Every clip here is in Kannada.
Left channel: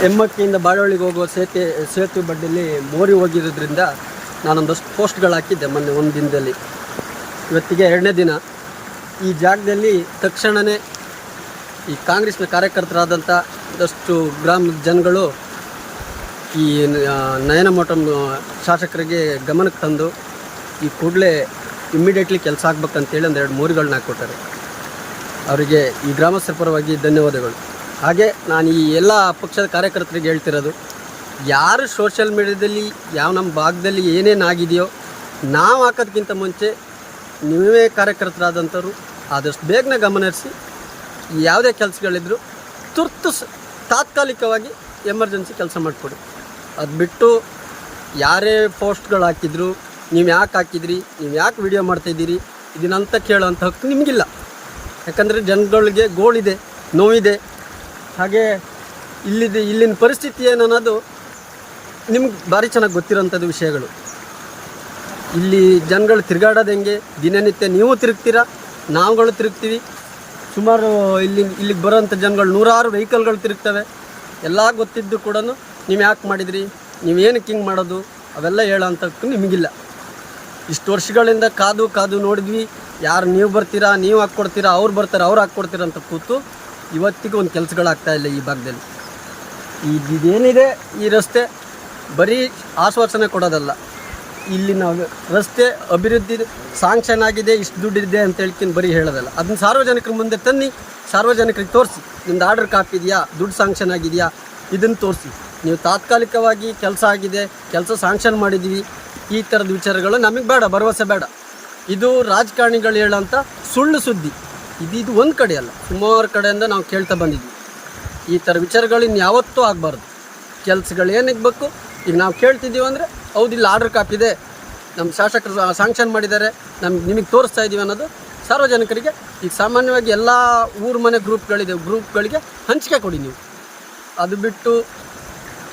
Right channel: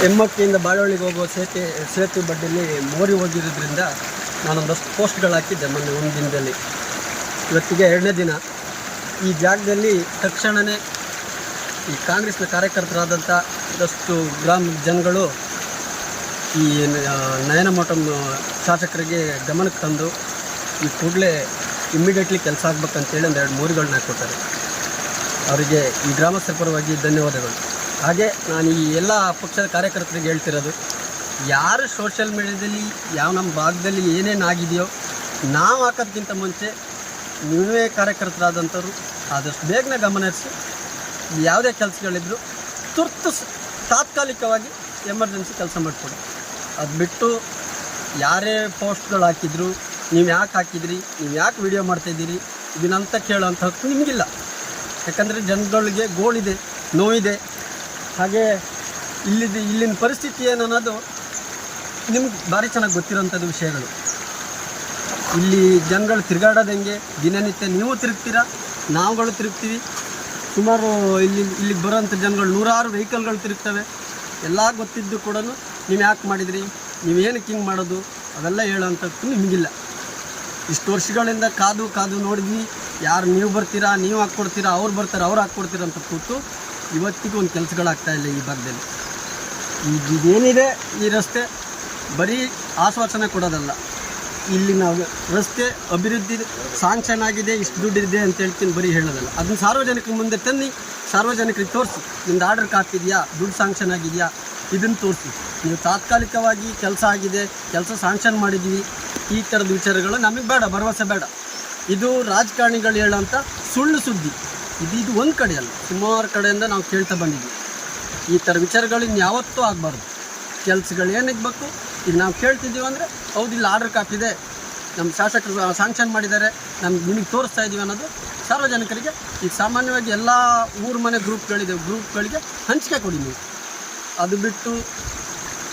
ಹೆಮ್ಮಕ್ಕಿಯಿಂದ ಬಾಳವಳ್ಳಿಗೆ ಹೋಗುವ ಸೇತುವೆ ಬಡ್ಡಿಯಲ್ಲಿ ಮೋರಿ ಹೋಗಿರೋದ್ರಿಂದ ನಾನೊಂದಷ್ಟು ಪೋಸ್ಟ್ಗಳು ಹಾಕಿದ್ದೆ ಮೊನ್ನೆ ಒಂದು ದಿನದಲ್ಲಿ. ಇವತ್ತಿಗೆ 2ನೇ ದಿನ. ಈ ಜಾಗದಲ್ಲಿ ತಕ್ಷಣವೇ ಈ ಕಾಂಗ್ರೆಸ್ನ ಕಾರ್ಯಕರ್ತರಾದಂಥ ಒಂದಷ್ಟು ಗ್ರಾಮದ ಜನಗಳು ಈ ನಯನ ಮೋಟಮ್ ಶಾಸಕರಿಗೆ ಗಮನಕ್ಕೆ ತಂದು ಈ ಕೂಡಲೇ ಇಮ್ಮಿಡಿಯೇಟ್ಲಿ ಕೆಲಸ ಆಗ್ಬೇಕಂತೇಳಿ 2 ಮೋರಿಗಳನ್ನ ಹಾಕ್ಕೊಟ್ಟಾರೆ. ಅವರಿಗೆ ಈ ಗ್ರಾಮಸ್ಥರ ಪರವಾಗಿ ಧನ್ಯವಾದಗಳು. ಹಾಗೆ ನಾನು ಈ ಎಲ್ಲ ಪಕ್ಷದ ಕಾರ್ಯಕರ್ತರಿಗೆ ಹೇಳ್ತಿರೋದು, ಯಾರು ಸೋಷಿಯಲ್ ಮೀಡಿಯಾದಲ್ಲಿ ನಮ್ಮ ಭಾಗದಲ್ಲಿ ಏನೇನಾಗಿದೆಯೋ ನಾವು ಹಾಕೋದಕ್ಕಿಂತ ಮುಂಚೆ ನೀವೇ ಕಾರ್ಯಕರ್ತರಾದಂಥವ್ರು ಆದಷ್ಟು ಬೇಗನೆ ಗಮನಿಸಿ ಯಾವುದೇ ಕೆಲಸಗಳಿದ್ರು ತಾತ್ಕಾಲಿಕವಾಗಿ ಎಮರ್ಜೆನ್ಸಿ ಕೆಲಸ ಮಾಡಿಕೊಡಿ. ಅದು ಬಿಟ್ಟು ಯಾರೇ ಪೋಸ್ಟ್ಗಳು ಹಾಕಿದ್ರು, ನೀವು ಯಾಕೆ ಹಾಕಿದ್ರಿ, ನೀವು ಯಾಕೆ ವಿಡಿಯೋ ಮಾಡ್ತಾಯಿದ್ದೀರಿ ಇದನ್ನಂತ ಕೇಳೋಂಥ ಹಕ್ಕು ನಿಮಗಿಲ್ಲ. ಯಾಕಂದರೆ ಜನಗಳಿಗೆ ಗೋಳಿದೆ, ನೋವಿದೆ. ಹಾಗೆ ಇಲ್ಲಿನ ಪರಿಸ್ಥಿತಿ ಏನು ಅನ್ನೋದು ನಿಮ್ಗೆ ಭಾರಿ ಚೆನ್ನಾಗಿ ಗೊತ್ತಿರೋಂಥದ್ದು ವಿಷಯಗಳು. ಇಲ್ಲಿ ಜನಗಳು ತಿರುಗಾಡೋದು ಹೆಂಗೆ, ದಿನನಿತ್ಯ ನೀವು ತಿರುಗ್ತೀರಾ, ನಾವುಗಳು ತಿರುಗ್ತೀವಿ. ಸುಮಾರು ಇಲ್ಲಿಗೆ ಬರೋಂಥ ಜನಗಳು 100 ವೆಹಿಕಲ್ಗಳು ತಿರುಗ್ತವೆ. ಎಲ್ಲ ಗೊತ್ತಿದ್ದು ಕೂಡ ನೀವು ಯಾಕೆ ಮಾಡಿದ್ರಿ, ನೀವೇನಕ್ಕೆ ಹಿಂಗೆ ಮಾಡೋದು ಅವೆಲ್ಲ ಹೇಳೋಂಥದ್ದು ನಿಮಗಿಲ್ಲ. ಇಷ್ಟು ವರ್ಷಗಳಿಂದ ಕಾದು ನೋಡಿದ್ವಿ. ಯಾರು ನೀವು ಬರ್ತೀರಾ, ನೀವು ಹಾಕ್ಕೊಡ್ತೀರಾ, ಅವ್ರು ಬರ್ತಾರೆ, ಅವ್ರು ಹಾಕ್ಕೊಡ್ತೀರ ಅಂತ ಕೂತು ಇವತ್ತಿಗೂ ಒಂದು ಕೆಲಸಗಳಾಗ್ತಾಯಿಲ್ಲ ಈ ಭಾಗದಲ್ಲಿ. ಇದೇನಿದೆ ಈ ರಸ್ತೆ ಬರೀ ಆಶ್ವಾಸನೆ ಕೊಡೋದಲ್ಲ. ಇಲ್ಲಿನ ರಸ್ತೆ ಅಭಿವೃದ್ಧಿ ಸಾಂಕ್ಷನ್ ಆಗಿದೆ, ಇಷ್ಟು ದುಡ್ಡಿದೆ ಅಂತ ಹೇಳ್ತೀನಿ ಬರೀ ಹೇಳೋದಲ್ಲ. ಅದನ್ನ ಸಾರ್ವಜನಿಕರ ಮುಂದೆ ತನ್ನಿ, ಸಾರ್ವಜನಿಕರಿಗೆ ತೋರಿಸಿ. ನಿಮ್ದು ಆರ್ಡರ್ ಕಾಪಿ ಇದೆಯಾ, ದುಡ್ಡು ಸಾಂಕ್ಷನ್ ಆಗಿದೆಯಾ, ಇದನ್ನು ತೋರಿಸಿ. ನೀವು ತಾತ್ಕಾಲಿಕವಾಗಿ ಕೆಲಸ ಆಗಿದೆ, ಕೆಲಸ ಸಾಂಕ್ಷನ್ ಮಾಡಿದ್ದೀವಿ, ಈ ಥರದ ವಿಚಾರಗಳು ನಮಗೆ ಬೇಡ, ಭರವಸೆ ಬೇಡ. ಇದು ರಾಜಕಾರಣಿಗಳು ಹೇಳೋಂಥ ಸುಳ್ಳು ಸುದ್ದಿ. ಇದು ಒಂದು ಕಡೆ ಅಲ್ಲ, ಸುಮಾರು ಕಡೆಯಿಂದ ನಾವು ಕೇಳ್ತಾ ಬಂದಿದ್ವಿ. ಈ ಥರ ವಿಚಾರಗಳು ಇನ್ಯಾವತ್ತೂ ಆಗಬಾರ್ದು. ಕೆಲಸಗಳು ಏನಕ್ಕೆ ಬೇಕು, ಈಗ ನಾವು ಕೇಳ್ತಿದ್ದೀವಿ ಅಂದರೆ ಹೌದು ಇಲ್ಲಿ ಆರ್ಡರ್ ಕಾಪಿ ಇದೆ, ನಮ್ಮ ಶಾಸಕರು ಸಾಂಕ್ಷನ್ ಮಾಡಿದ್ದಾರೆ, ನಿಮಗೆ ತೋರಿಸ್ತಾ ಇದ್ದೀವಿ ಅನ್ನೋದು ಸಾರ್ವಜನಿಕರಿಗೆ. ಈಗ ಸಾಮಾನ್ಯವಾಗಿ ಎಲ್ಲ ಊರು ಮನೆ ಗ್ರೂಪ್ಗಳಿಗೆ ಹಂಚಿಕೆ ಕೊಡಿ ನೀವು. ಅದು ಬಿಟ್ಟು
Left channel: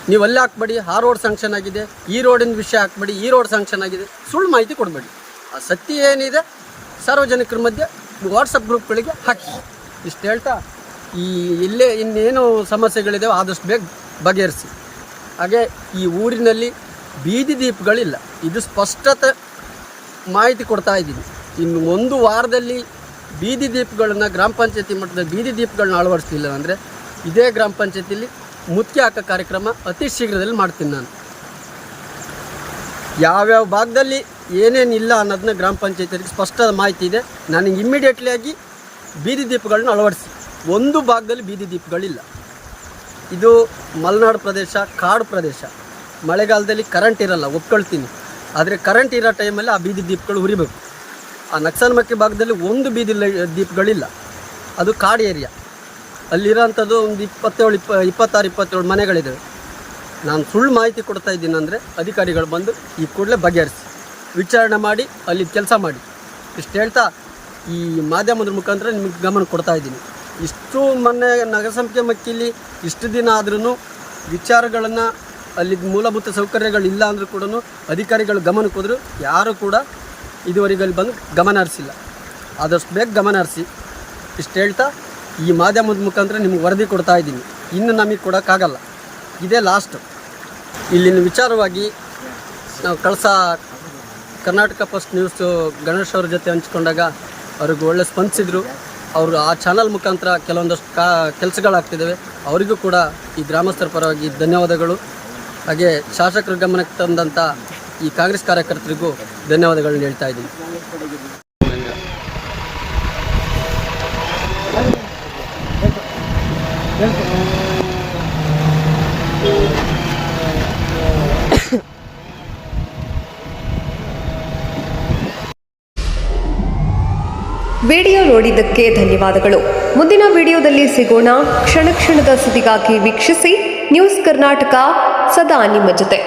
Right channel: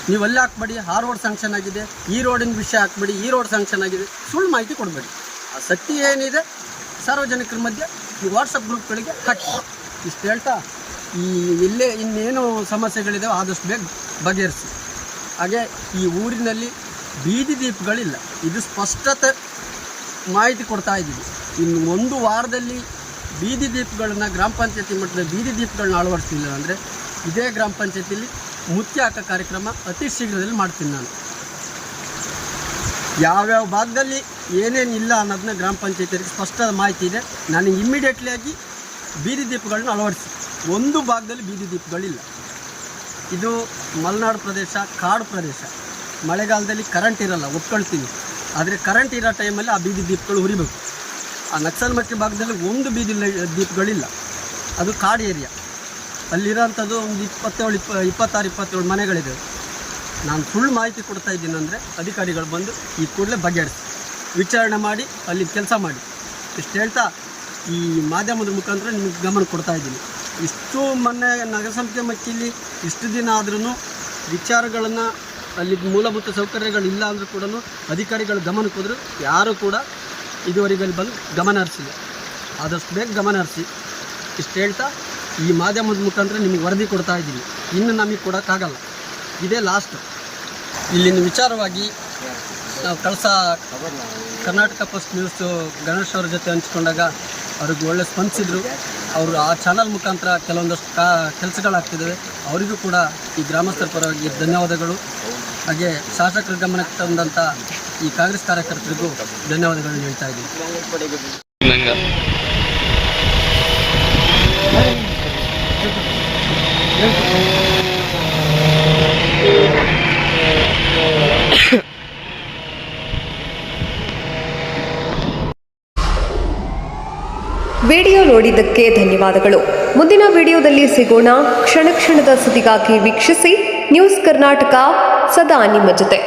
ನೀವು ಅಲ್ಲೇ ಹಾಕ್ಬೇಡಿ, ಆ ರೋಡ್ ಸಾಂಕ್ಷನ್ ಆಗಿದೆ, ಈ ರೋಡಿನ ವಿಷಯ ಹಾಕ್ಬೇಡಿ, ಈ ರೋಡ್ ಸಾಂಕ್ಷನ್ ಆಗಿದೆ, ಸುಳ್ಳು ಮಾಹಿತಿ ಕೊಡಬೇಡಿ. ಆ ಸತ್ಯ ಏನಿದೆ ಸಾರ್ವಜನಿಕರ ಮಧ್ಯೆ ವಾಟ್ಸಪ್ ಗ್ರೂಪ್ಗಳಿಗೆ ಹಾಕಿ. ಇಷ್ಟು ಹೇಳ್ತಾ ಎಲ್ಲೇ ಇನ್ನೇನು ಸಮಸ್ಯೆಗಳಿದ್ದಾವೆ ಆದಷ್ಟು ಬೇಗ ಬಗೆಹರಿಸಿ. ಹಾಗೆ ಈ ಊರಿನಲ್ಲಿ ಬೀದಿ ದೀಪಗಳಿಲ್ಲ, ಇದು ಸ್ಪಷ್ಟತೆ ಮಾಹಿತಿ ಕೊಡ್ತಾ ಇದ್ದೀನಿ. ಇನ್ನು 1 ವಾರದಲ್ಲಿ ಬೀದಿ ದೀಪಗಳನ್ನು ಗ್ರಾಮ ಪಂಚಾಯತಿ ಮಟ್ಟದ ಬೀದಿ ದೀಪಗಳನ್ನ ಅಳವಡಿಸ್ತಿಲ್ಲ ಅಂದರೆ ಇದೇ ಗ್ರಾಮ ಪಂಚಾಯತಿಯಲ್ಲಿ ಮುತ್ಯ ಹಾಕೋ ಕಾರ್ಯಕ್ರಮ ಅತಿ ಶೀಘ್ರದಲ್ಲಿ ಮಾಡ್ತೀನಿ ನಾನು. ಯಾವ್ಯಾವ ಭಾಗದಲ್ಲಿ ಏನೇನಿಲ್ಲ ಅನ್ನೋದನ್ನ ಗ್ರಾಮ ಪಂಚಾಯತಿಗೆ ಸ್ಪಷ್ಟ ಮಾಹಿತಿ ಇದೆ. ನನಗೆ ಇಮ್ಮಿಡಿಯೇಟ್ಲಿ ಆಗಿ ಬೀದಿ ದೀಪಗಳನ್ನ ಅಳವಡಿಸಿ. ಒಂದು ಭಾಗದಲ್ಲಿ ಬೀದಿ ದೀಪಗಳಿಲ್ಲ. ಇದು ಮಲೆನಾಡು ಪ್ರದೇಶ, ಕಾಡು ಪ್ರದೇಶ. ಮಳೆಗಾಲದಲ್ಲಿ ಕರೆಂಟ್ ಇರಲ್ಲ, ಒಪ್ಕೊಳ್ತೀನಿ. ಆದರೆ ಕರೆಂಟ್ ಇರೋ ಟೈಮಲ್ಲಿ ಆ ಬೀದಿ ದೀಪಗಳು ಉರಿಬೇಕು. ಆ ನಕ್ಸಲ್ಮಕ್ಕಿ ಭಾಗದಲ್ಲಿ ಒಂದು ಬೀದಿ ದೀಪಗಳಿಲ್ಲ, ಅದು ಕಾಡು ಏರಿಯಾ. ಅಲ್ಲಿರೋಂಥದ್ದು ಒಂದು 26-27 ಮನೆಗಳಿದ್ದಾವೆ. ನಾನು ಸುಳ್ಳು ಮಾಹಿತಿ ಕೊಡ್ತಾ ಇದ್ದೀನಿ ಅಂದರೆ ಅಧಿಕಾರಿಗಳು ಬಂದು ಈ ಕೂಡಲೇ ಬಗೆಹರಿಸಿ ವಿಚಾರಣೆ ಮಾಡಿ ಅಲ್ಲಿ ಕೆಲಸ ಮಾಡಿ. ಇಷ್ಟು ಹೇಳ್ತಾ ಈ ಮಾಧ್ಯಮದ ಮುಖಾಂತರ ನಿಮಗೆ ಗಮನ ಕೊಡ್ತಾ ಇದ್ದೀನಿ. ಇಷ್ಟು ಮೊನ್ನೆ ನಗರಸಂಸ್ಥೆ ಮಕ್ಕಿಲಿ ಇಷ್ಟು ದಿನ ಆದ್ರೂ ವಿಚಾರಗಳನ್ನು ಅಲ್ಲಿ ಮೂಲಭೂತ ಸೌಕರ್ಯಗಳಿಲ್ಲ ಅಂದರೂ ಕೂಡ ಅಧಿಕಾರಿಗಳು ಗಮನಕ್ಕೆ ಹೋದರೂ ಯಾರೂ ಕೂಡ ಇದುವರೆಗೆ ಅಲ್ಲಿ ಬಂದು ಗಮನ ಹರಿಸಿಲ್ಲ. ಆದಷ್ಟು ಬೇಗ ಗಮನ ಹರಿಸಿ. ಇಷ್ಟು ಹೇಳ್ತಾ ಈ ಮಾಧ್ಯಮದ ಮುಖಾಂತರ ನಿಮಗೆ ವರದಿ ಕೊಡ್ತಾ ಇದ್ದೀನಿ. ಇನ್ನು ನಮಗೆ ಕೊಡೋಕ್ಕಾಗಲ್ಲ, ಇದೇ ಲಾಸ್ಟು. ಇಲ್ಲಿನ ವಿಚಾರವಾಗಿ ನಾವು ಕರ್ನಾಟಕ ಫಸ್ಟ್ ನ್ಯೂಸು ಗಣೇಶ್ ಅವ್ರ ಜೊತೆ ಹಂಚ್ಕೊಂಡಾಗ ಅವ್ರಿಗೆ ಒಳ್ಳೆ ಸ್ಪಂದಿಸಿದ್ರು. ಅವರು ಆ ಚಾನಲ್ ಮುಖಾಂತರ ಕೆಲವೊಂದಷ್ಟು ಕೆಲಸಗಳಾಗ್ತಿದ್ದಾವೆ. ಅವರಿಗೂ ಕೂಡ ಈ ಗ್ರಾಮಸ್ಥರ ಪರವಾಗಿ ಧನ್ಯವಾದಗಳು. ಹಾಗೆ ಶಾಸಕರ ಗಮನಕ್ಕೆ ತಂದಂಥ ಈ ಕಾಂಗ್ರೆಸ್ ಕಾರ್ಯಕರ್ತರಿಗೂ ಧನ್ಯವಾದಗಳನ್ನ ಹೇಳ್ತಾ ಇದ್ದೀನಿ. ವಿಡಿಯೋ ನೋಡಿದ್ದಕ್ಕೆ ಧನ್ಯವಾದಗಳು. ಮುಂದಿನ ವಿಡಿಯೋದಲ್ಲಿ ಸಿಗೋಣ. ಕ್ಷಣ ಕ್ಷಣದ ಸುದ್ದಿಗಾಗಿ ವೀಕ್ಷಿಸಿ ನ್ಯೂಸ್ ಕರ್ನಾಟಕ, ಸದಾ ನಿಮ್ಮ ಜೊತೆ.